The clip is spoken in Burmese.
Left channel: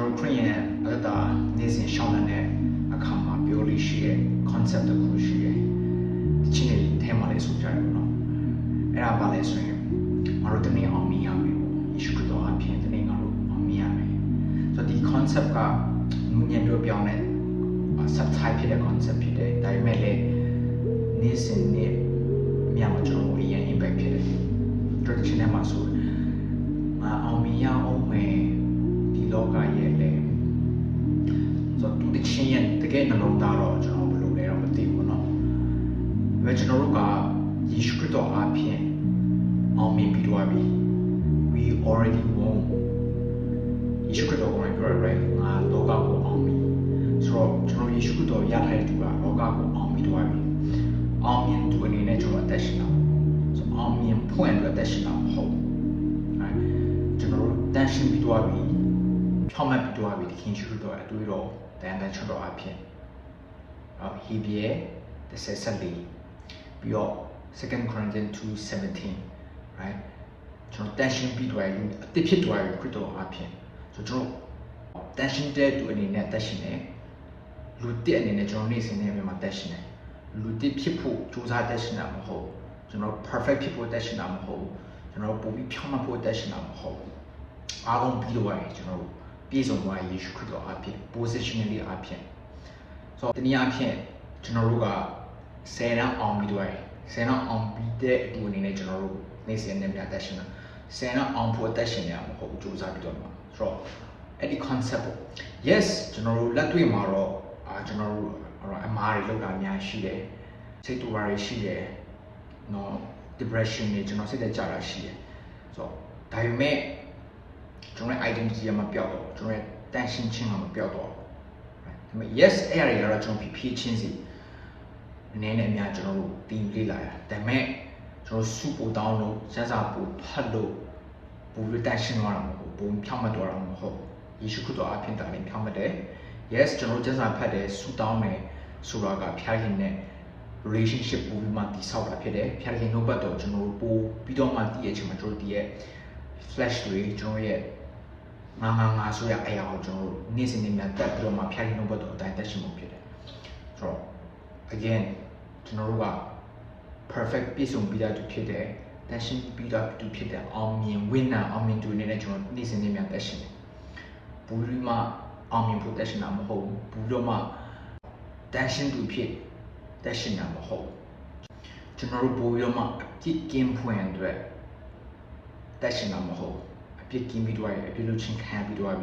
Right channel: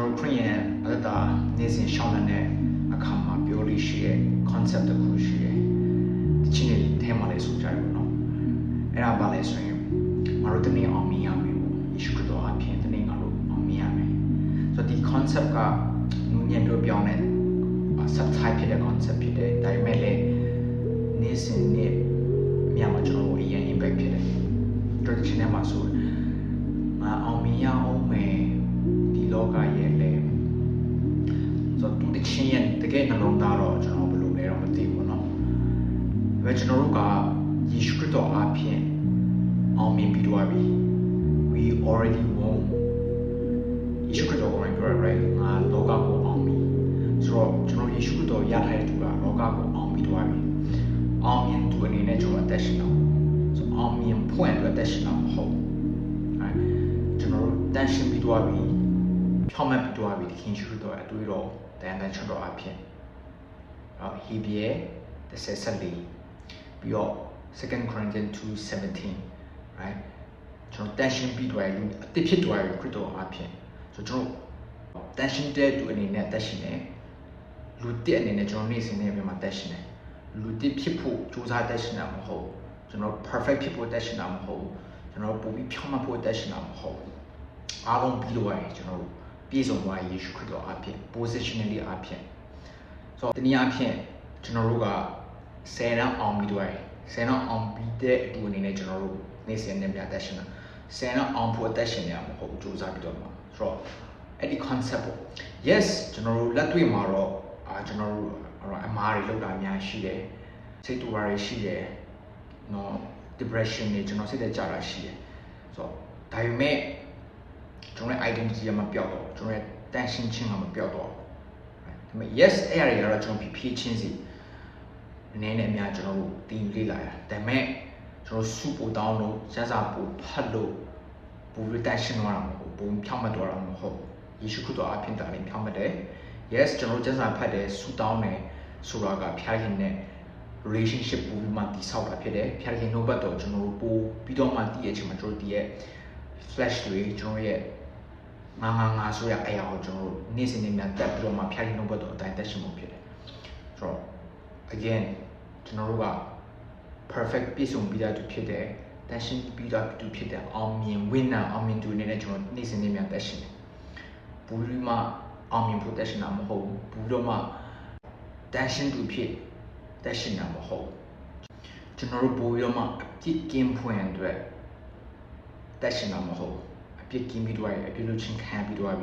ကျွန်တော်ဖွင့်ရအဲ့ဒါနေစဉ်ရှောင်းတဲ့အခါမှာပြောလို့ရှိတဲ့ concept တစ်ခုရှိတယ်ဒီချင်းလေးထဲမှာလေးဆိုကြတယ်နော်အဲ့ဒါပါလဲဆိုရင်ငါတို့တနေ့အောင်မြင်ရမယ်ယေရှုခရစ်တော်အပြင်တနေ့ငါတို့အောင်မြင်ရမယ်ဆိုတော့ဒီ concept ကမြင်ပြောင်းတယ် subtype တဲ့ concept ဖြစ်တယ်ဒါပေမဲ့လည်းနေစဉ်နဲ့ညမှာကျွန်တော်ရဲ့ impact ဖြစ်တယ်တော်တော်ချင်းမှာဆိုအောင်မြင်ရအောင်မယ်ဒီလောကရဲ့လေဆိုတော့ဒီချင်းရဲ့တကယ်နှလုံးသားတော့ကျွန်တော်ဘယ်လိုလဲတော့မသိဘူးเนาะဒါကျွန်တော်တို့ကယေရှုခရစ်တော်အပြင်အောင်မြင်ပြီးတော့ပြီ we already won ယေရှုခရစ်တော်ရဲ့ right လောကကိုအောင်မြင်ဆိုတော့ကျွန်တော်ယေရှုခရစ်တော်ရတဲ့သူကလောကကိုအောင်မြင်တော့ပြီအောင်မြင်သူအနေနဲ့ကျွန်တော်အသက်ရှင်တော့ဆိုအောင်မြင်ဖွင့်လို့အသက်ရှင်တော့မဟုတ်ဘူးကျွန်တော်တန်ရှင်ပြီးတော့ပြီထောက်မှတ်ပြီးတော့ပြီယေရှုခရစ်တော်အတွေ့တော်တန်တဲ့ကျွန်တော်အဖြစ်ဟီဘရဲ17ပြီးတော့ 2 Corinthians 2:17 right ကျွန်တော်တန်ရှင်ပြီးတော့အတိဖြစ်သွားရခရစ်တော်အဖြစ်ဆိုတော့တန်ရှင်တဲ့သူအနေနဲ့တက်ရှင်တယ်လူတစ်အနေနဲ့ကျွန်တော်နေ့စဉ်နဲ့မြန်မာတက်ရှင်တယ်လူတစ်ဖြစ်ဖို့ကြိုးစားတက်ရှင်တာမဟုတ်ကျွန်တော် perfect ဖြစ်ဖို့တက်ရှင်တာမဟုတ်ကျွန်တော်ပုံပြီးဖြောင်းမဖို့တက်ရှင်တာမဟုတ်အားလုံးပြီးတော့ရတယ်ကျွန်တော်ပြည့်စုံသွားယေရှုခရစ်တော်အဖြစ် positionally အဖြစ်ဆိုတော့ဒီနေ့အဖြစ်ကျွန်တော်တို့က10ရအောင်ပြီးတော့10ရအောင်ပြီးတဲ့ဒီအနေနဲ့ကျွန်တော်တို့နေ့စဉ်နဲ့မြန်မာတက်ရှင်တာ10ရအောင်ဖို့တက်ရှင်ရမှာမဟုတ်ကြိုးစားပြီးတော့ဆိုတော့အဲ့ဒီ concept yes ကျွန်တော်တို့လက်တွေ့မှာတော့ကျွန်တော်တို့အမားတွေလောက်တာများရှိတယ်စိတ်တူပါရရှိတယ်နော် depression တွေကျွန်တော်စိတ်သက်ကြတာရှိတယ်ဆိုတော့ဒါပေမဲ့ကျွန်တော် identity မှာပြောက်တော့ကျွန်တော်တန်ရှင်းခြင်းမှာမပြောက်တော့ဒါပေမဲ့ yes အဲ့အရာတွေကတော့ကျွန်တော်ဖြည့်ချင်းစီအနေနဲ့အများကျွန်တော်တို့တင်လေ့လာတာဒါပေမဲ့ကျွန်တော်စုပို့တောင်းလို့ရစားပို့ဖတ်လို့ပို့လို့တန်ရှင်းသွားတာမဟုတ်ဘူးဖြောင်းမတော်တာမဟုတ်ယေရှုခရစ်တော်အဖြစ်တာလည်းဖြောင်းမတယ် yes ကျွန်တော်ကျမ်းစာဖတ်တယ်ဆူတောင်းမယ်ဆိုတာကဖျားရည်နဲ့ relationship ပုံမှန်တည်ဆောက်တာဖြစ်တယ်ဖျားရည်နှုတ်ပတ်တော်ကျွန်တော်ပို့ပြီးတော့မှတည်ရခြင်းမှာကျွန်တော်တည်ရဲ့ flash တွေကျွန်တော်ရဲ့ငါဆိုရအရာကိုကျွန်တော်နေ့စဉ်နဲ့တက်ပြီးတော့မှဖျားရည်နှုတ်ပတ်တော်အတိုင်းတက်ရှင်မှုဖြစ်တယ်ဆိုတော့ again ကျွန်တော်တို့က perfect ပြည့်စုံပြီးသားဖြစ်တယ်တက်ရှင်ပြီးသားဖြစ်တယ်အောင်မြင် winner အောင်မြင်သူတွေနဲ့ကျွန်တော်နေ့စဉ်နဲ့တက်ရှင်ဘူရီမှာအောင်မြင်ဖို့တက်ရှင်တာမဟုတ်ဘူးတော့မှတက်ရှင်သူဖြစ်တက်ရှင်တာမဟုတ်ကျွန်တော်တို့ဘူရီမှာကြည့်ကင်းဖွင့်အတွက်တက်ရှင်တာမဟုတ်အပြစ်ကင်းပြီးတော့အပြစ်လို့ချင်းခံပြီးတော့